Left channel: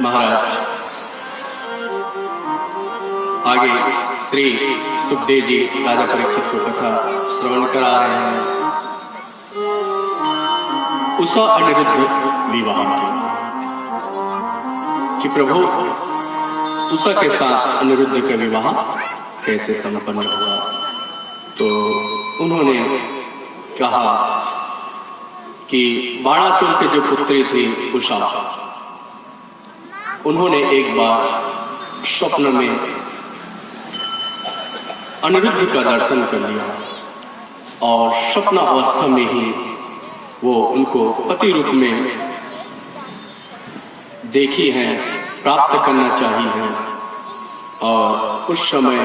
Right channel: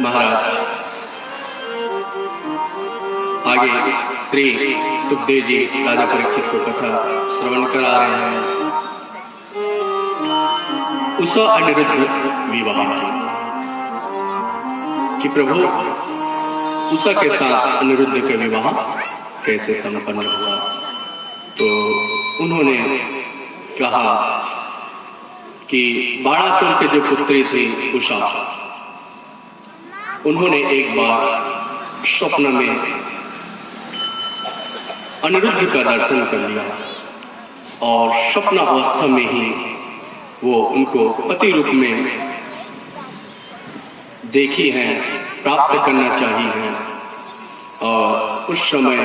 महाराज आगे श्री सुखदेव जी राजा परीक्षित को कथा श्रवण करा रहे हैं। उषा अनिरुद्ध विवाह कि प्रभु उषा के साथ अनिरुद्ध का विवाह कैसे संपन्न हुआ। तो उन्होंने कहा कि बाणासुर के जो पुत्री थी उषा, उन्होंने एक बार स्वप्न में अनिरुद्ध का दर्शन कर लिया और स्वप्न अवस्था में ही वो उनको पति रूप में देखी है, प्राप्त करना चाहिए है। और उस समय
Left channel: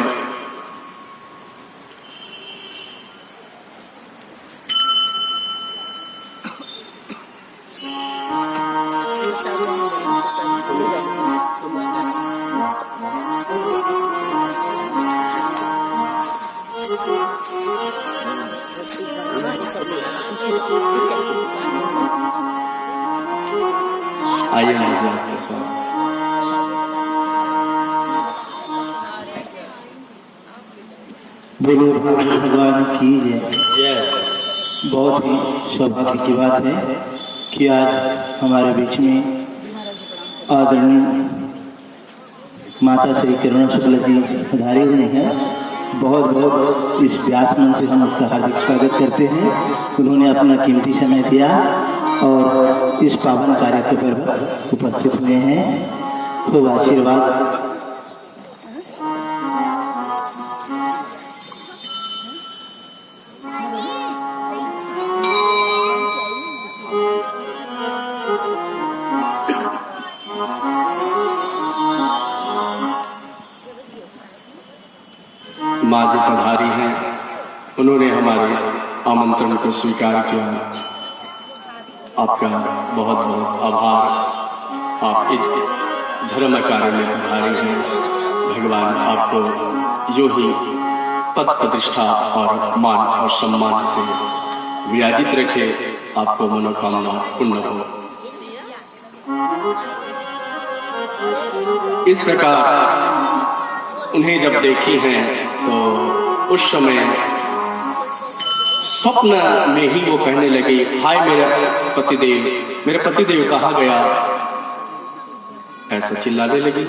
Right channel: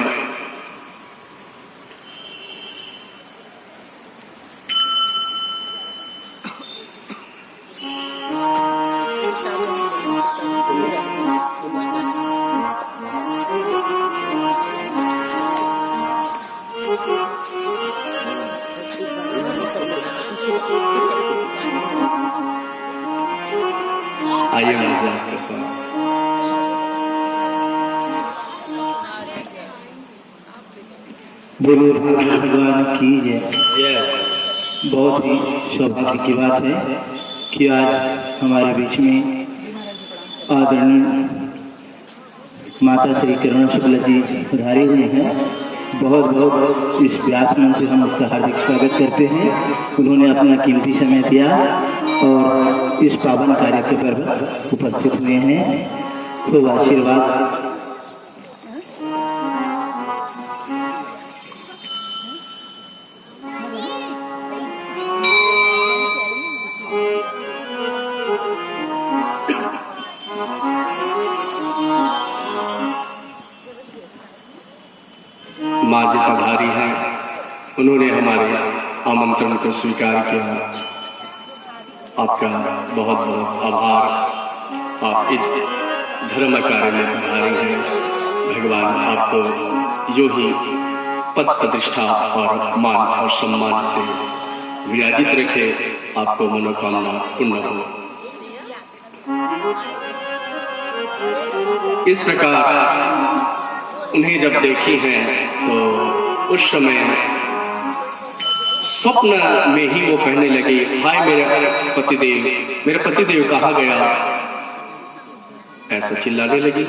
आइए महाराज के साथ बोलिए भगवान की जय। बहुत ही सौभाग्य की बात है कि आज हमारे बीच में आदरणीय माता श्री करुणा शुक्ला जी पधारे हुए हैं। बहुत बहुत इस व्यास मंच से हम उसका हार्दिक स्वागत करते हैं। उन्होंने अपना कीमती समय दिया और इस पावन कार्य पर उपस्थित हुए हैं। खूब आशीर्वाद। माँ जी पधारी हैं, उन्होंने हमारे आमंत्रण को स्वीकार किया। आपका बहुत बहुत आभार। आप इस धर्म कार्य में पधारे हैं। भगवान आपको यो ही पद प्रतिष्ठा और मान और सम्मान से विराजित रखे, आपको मनोकामना पूर्ण हो। इस प्रकार उन्हें जब देखी हैं तो उस समय स्वप्न में ही वो कहने लगी, हाय मेरे पतिदेव कहाँ गया, ऐसा चिल्लाने लगी।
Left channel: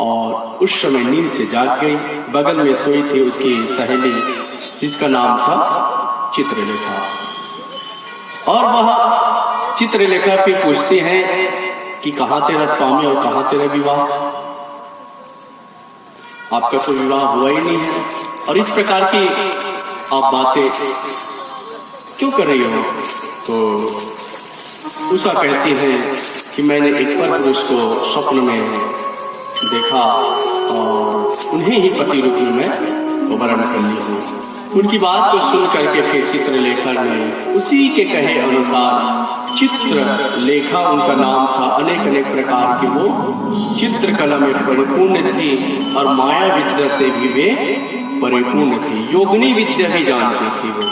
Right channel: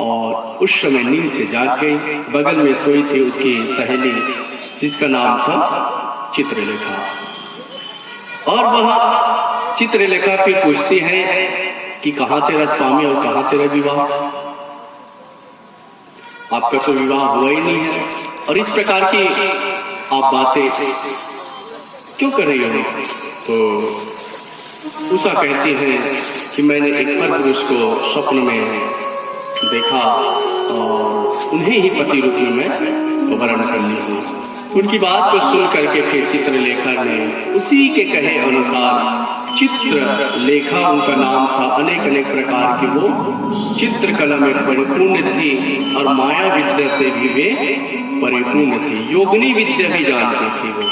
और उस समय नींद से जाग गई। बगल में सोई थी उसकी सहेली जिसका नाम था चित्रलेखा, और वह चित्रलेखा पे पूछती है कि कहाँ तेरा स्वामी और कहाँ तेरा विवाह, आपका तो विवाह हुआ ही नहीं है, और इस प्रकार की आप बातें क्यों कर रही हो। तो उषा कहती है कि मैंने एक पर पुरुष को स्वप्न में देखा और उन्हें ही पति रूपी में वर्ण कर ली हूँ। उनकी बात को सुन करके फिर चित्रलेखा ने उसी के कहे अनुसार, चित्रलेखा उनका नाम था, अनेक प्रकार की वो चित्रकला में परिपूर्ण थी और माया विद्या से भी वे परिपूर्ण थी, योगिनी विद्या भी जानती थी वो।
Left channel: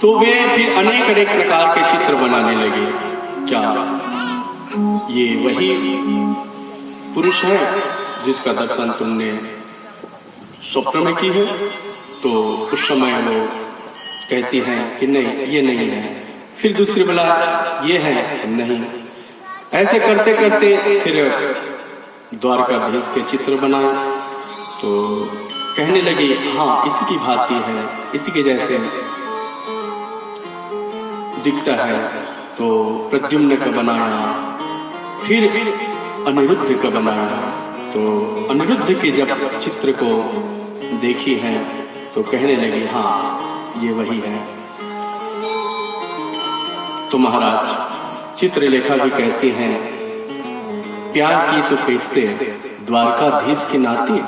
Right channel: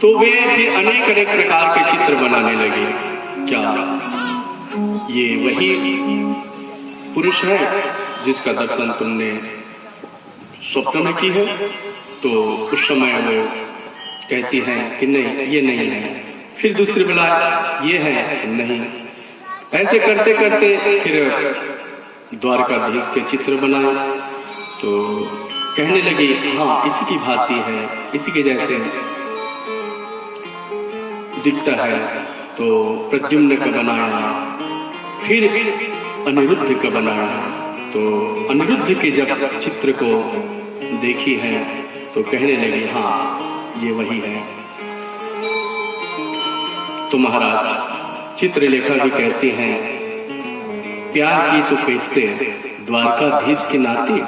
तो वे फिर अनेक प्रकार के चित्र बनाने लगे। क्या ये वही पुरुष है जिसका दर्शन तुमने स्वप्न में की है? तो उस समय वो कहती हैं कि नहीं, ये नहीं है। फिर दूसरी बोला ये है, नहीं। ऐसे करते करते फिर द्वारकाधीश के चित्र बनाए। तो कहने लगी, हाँ इसी की भांति है, इसी के जैसे दिखता है। तो प्रद्युम्न का बनाया, फिर अनिरुद्ध का बनाया। तो अनिरुद्ध के जब चित्र को देखी है तो कहने लगी, हाँ ये वही है। तो महाराज चित्रलेखा भी कहते हैं, प्यार की तो कैसे द्वारकाधीश की नाती।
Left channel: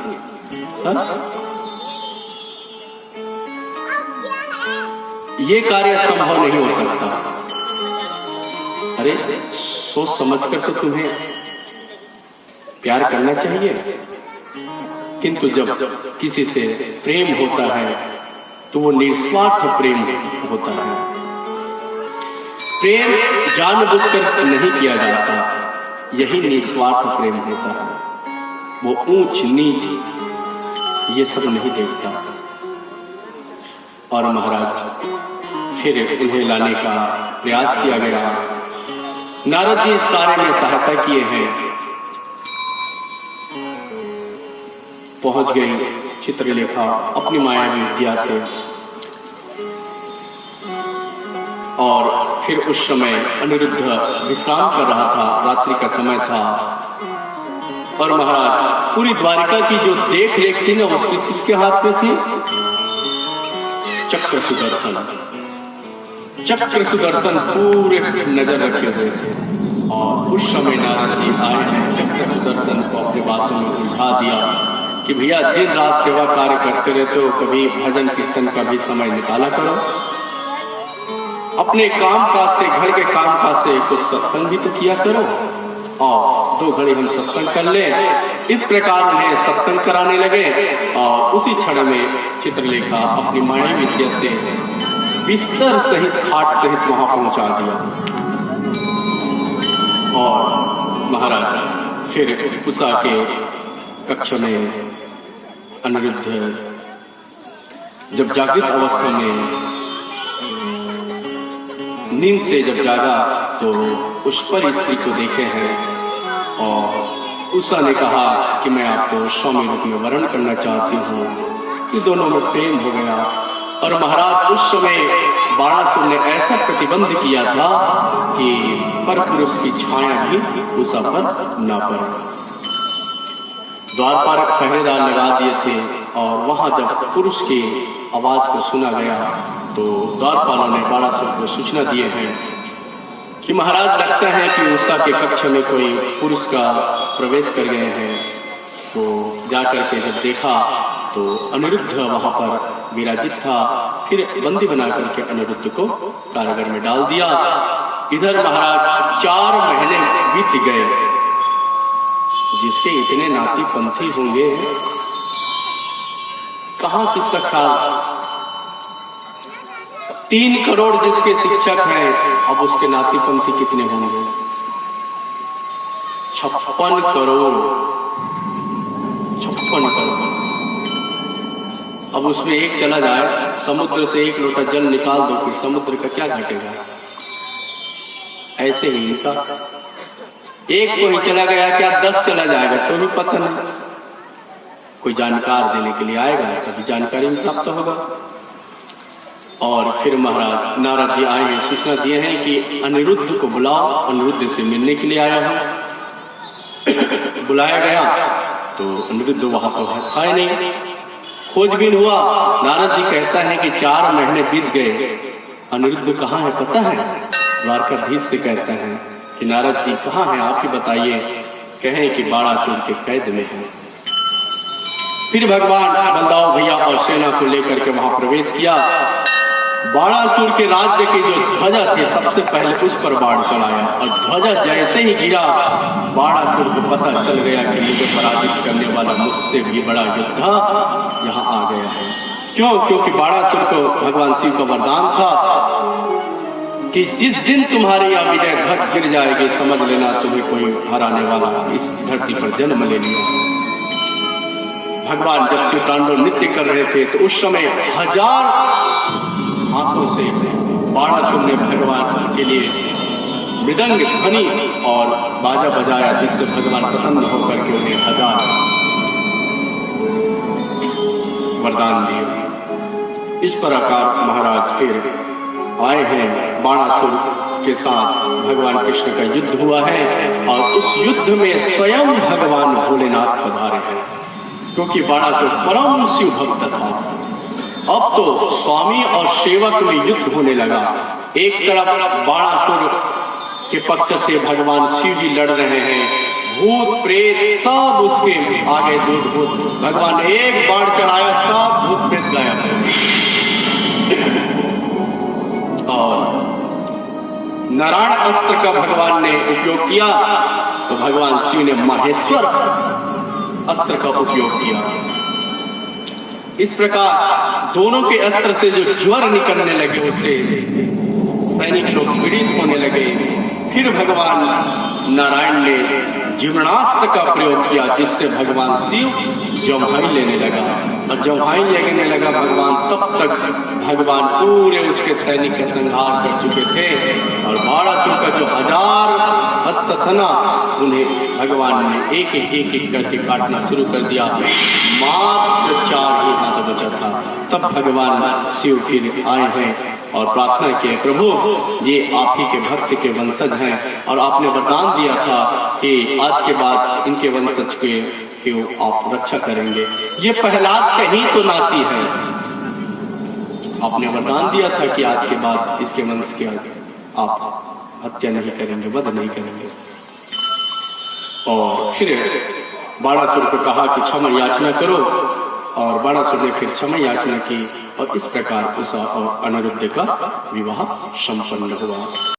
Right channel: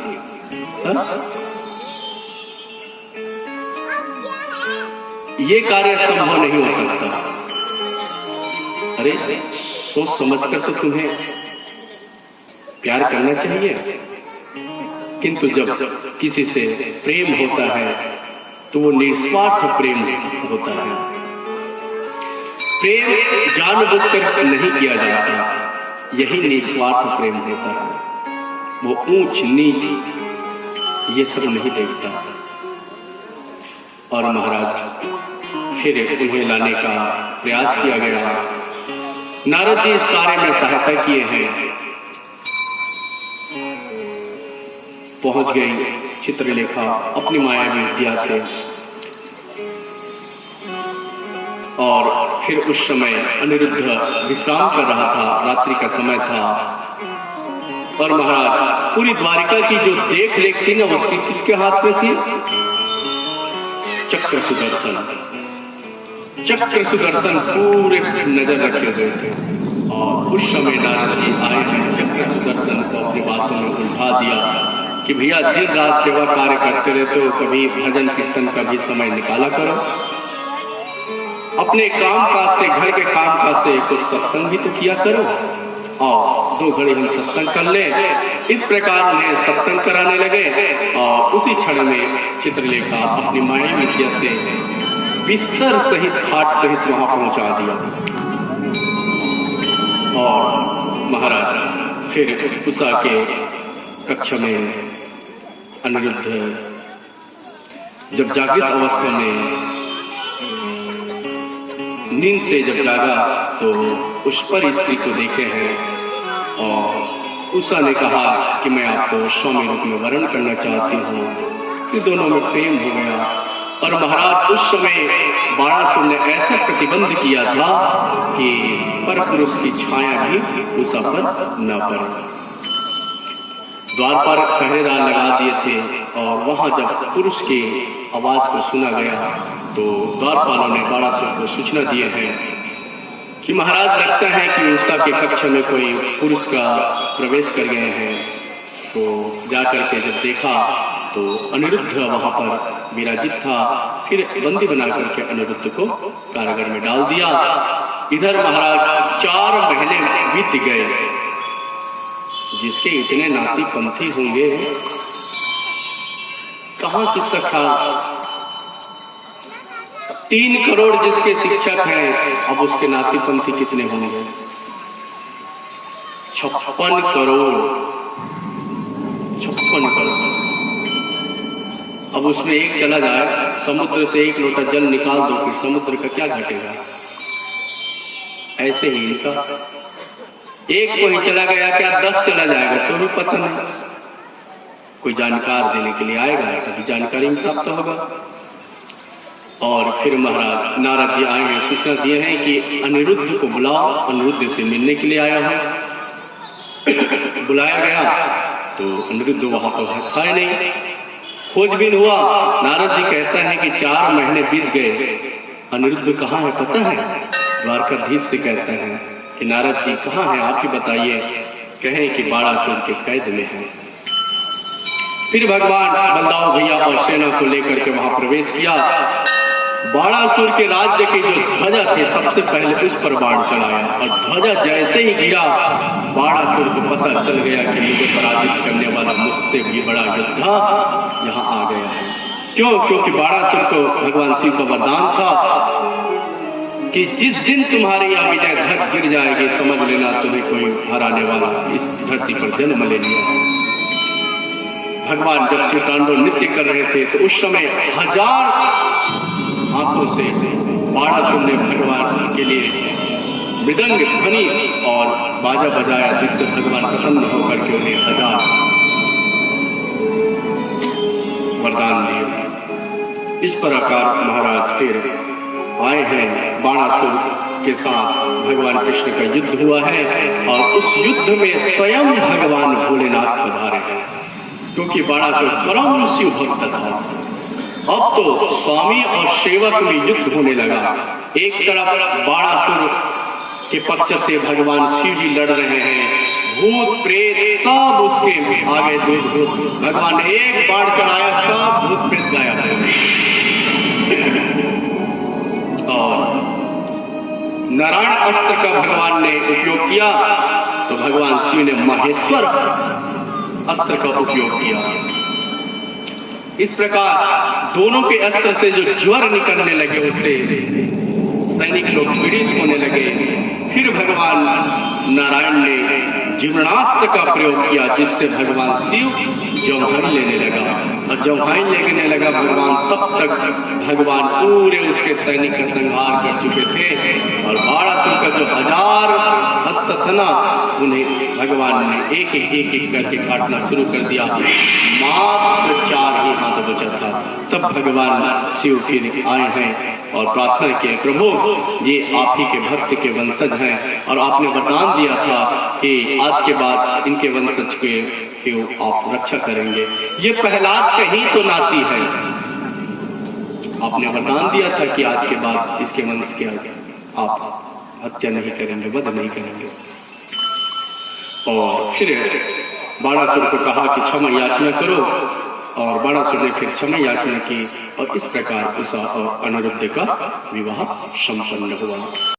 ये कार्य संभव नहीं हो सकता। अरे सोच समझकर तो तुम्हें प्यार करना चाहिए, किंतु जब किसी से प्रेम होता है तो वो निस्वार्थ प्रेम होता है। प्रेम जानबूझकर नहीं किया जाता, यही निस्वार्थ प्रेम होता है। वो ऊंच नीच ये सब नहीं देखता। और महाराज फिर उन्हें लाने का प्रयास किया गया। नारद जी इस कार्य में सहायता किए हैं। पहुंच गई चित्रलेखा अपनी मायावी विद्या से। और फिर उस समय अनिरुद्ध विश्राम कर रहा था, रात्रि का समय था। और महाराज पूरी द्वारिका की जो देख रेख थी ना, उसकी किसके हाथ में थी? चक्र सुदर्शन। चक्र सुदर्शन पूरे नजर रखे हुए थे। और उस समय नारद जी आए हैं, चक्र सुदर्शन को अपनी बातों में उलझा दिया कि भैया दिन रात सेवा कार्य करते रहते हो, कभी भजन कीर्तन का भी समय निकाला करो। अपने काम काज से, घर के काम काज से कुछ सत्संग भी तो किया करो। और 2 घड़ी हम सत्संग कर लें। इस प्रकार उन्हें सत्संग कराने लगे। और उसी क्षण में चित्रलेखा अपनी मायावी विद्या से बिस्तर सहित, खाट सहित वहां पहुंचा दिया। और महाराज फिर उषा के कक्ष में अनिरुद्ध जब जागृत अवस्था में नींद से जब जागा तो उस पर स्त्री को देखे हैं। और उषा ने कहा कि मैं आपको स्वामी रूप में वर्ण करना चाहती हूँ। कि दोनों में प्रेम हो गया। और महाराज उस समय बाणासुर ने ऐसा प्रतिबंध किया था कि पर पुरुष की छाया भी उषा पर न पड़े। द्वार पर पहरेदार लगा दिए थे। और वहां जब पुरुष की आवाज को सुना गया तो द्वारपालों ने बाणासुर को सूचना दिए हैं कि महाराज लगता है कि उषा के कक्ष में कोई पुरुष का प्रवेश कर गए हैं। तो जाकर के जब देखा तो अनिरुद्ध वहां पर विराजित था। फिर बंदी बना करके अनिरुद्ध को कारागार में डाल दिया। इधर महाराज 4 महीने बीत गए। जिसके इतने नाती पंथी होंगे, कहां किसका ख्याल? 3 करोड़ जिसके शिक्षक हैं, अब उसके नाती पंथी कितने होंगे? 56 करोड़। 56 करोड़। अब उसमें एक चला जाए, समुद्र से 1 लोटा जल निकाल दो, फिर समुद्र का क्या घटेगा? ऐसे ही इनका एक को ही चला गया, क्या 10 चला जाएगा तो भी पता नहीं। कोई जानकार देने के लिए आएगा, तभी जानकारी में प्राप्त होगा। और फिर महाराज नारद जी आए हैं, सूचना दिए हैं कि अनिरुद्ध को बुलाओ, अनिरुद्ध से मिलने के लिए आया हूं। बुलाया गया तो अनिरुद्ध वहां तो है नहीं। खोजबीन हुआ। नारद जी कहता है कि 4 महीने बीत गए, अनिरुद्ध कहाँ है पता है? द्वारकाधीश से कहता है कि नारद जी कहाँ हैं, आप ही बताइए। कहें कि बाणासुर के कैद में है। फिर भगवान बलदाऊ भैया और सेना को लेकर के वहां प्रवेश किया। बाणासुर के राज्य की जो ध्वजा थी, सबसे पहले उस पर बाण चढ़ाया। और ध्वजा जैसे ही गिरा, बाणासुर को पता चल गया कि मुझे पराजित करने वाला मुझसे भी बड़ा योद्धा यहाँ आ गया है। क्यों? क्योंकि बाणासुर को भगवान शिव का वरदान था कि जिस दिन तुम्हारी यह विजय धक गिर जाएगी, समझ लेना तुम्हें कोई हराने वाला इस धरती पर जन्म ले लिया है। भगवान जब शिव तांडव नृत्य कर रहे थे तो उस समय 1000 हाथों से बाणासुर ने भगवान के लिए मृदंग ध्वनि और बाजा बजाया, जिससे भगवान प्रसन्न होकर के उन्हें 1000 वरदान दिए। इस प्रकार महाराज फिर आए हैं। बाणासुर के साथ भगवान कृष्ण का युद्ध हुआ है। और उस युद्ध में स्वयं भगवान भोलेनाथ पधारे हैं, क्योंकि बाणासुर परम शिव भक्त था। अब तो स्वामी और सेवक में युद्ध होने लगा। एक तरफ बाणासुर के पक्ष से भगवान शिव जी लड़ रहे हैं, भूत प्रेत सब उसके आगे दूध। भगवान एक बाण चढ़ाया, सब भूत प्रेत गायब है। और नारायण अस्त्र का भगवान ने उपयोग किया तो भगवान शिव ने माहेश्वर अस्त्र का उपयोग किया। इस प्रकार दोनों के अस्त्र से जो ज्वर निकलने लगे, उससे सैनिक लोग पीड़ित होने लगे। फिर भगवान नारायण ने जीवनास्त्र का प्रयोग किया, जिससे भगवान शिव जम्हाई लेने लगा। और जम्हाई लेने लगा भगवान, तब तक भगवान पूरे उसके सैनिक का संहार कर चुके थे। और बाणासुर का जो 1000 हस्त था ना, उन्हें भगवान ने एक एक करके काटना शुरू कर दिया। मात्र 4 ही हाथ बचा था। तब भगवान शिव फिर आए हैं और प्रार्थना किए, प्रभु ये आप ही के भक्त के वंशज हैं और आपने वरदान दिया था कि आज के बाद इनके वंशज के आप रक्षा करेंगे। ये प्रहलाद कहीं तो नाती है, आपने वरदान दिया था कि आज के बाद इसके वंश के आप हत्या नहीं करेंगे, वध नहीं करेंगे। और फिर बाणासुर को कहा कि क्षमा याचना करो, और बाणासुर ने फिर क्षमा याचना की और इस प्रकार उषा और अनिरुद्ध का विवाह संपन्न हुआ।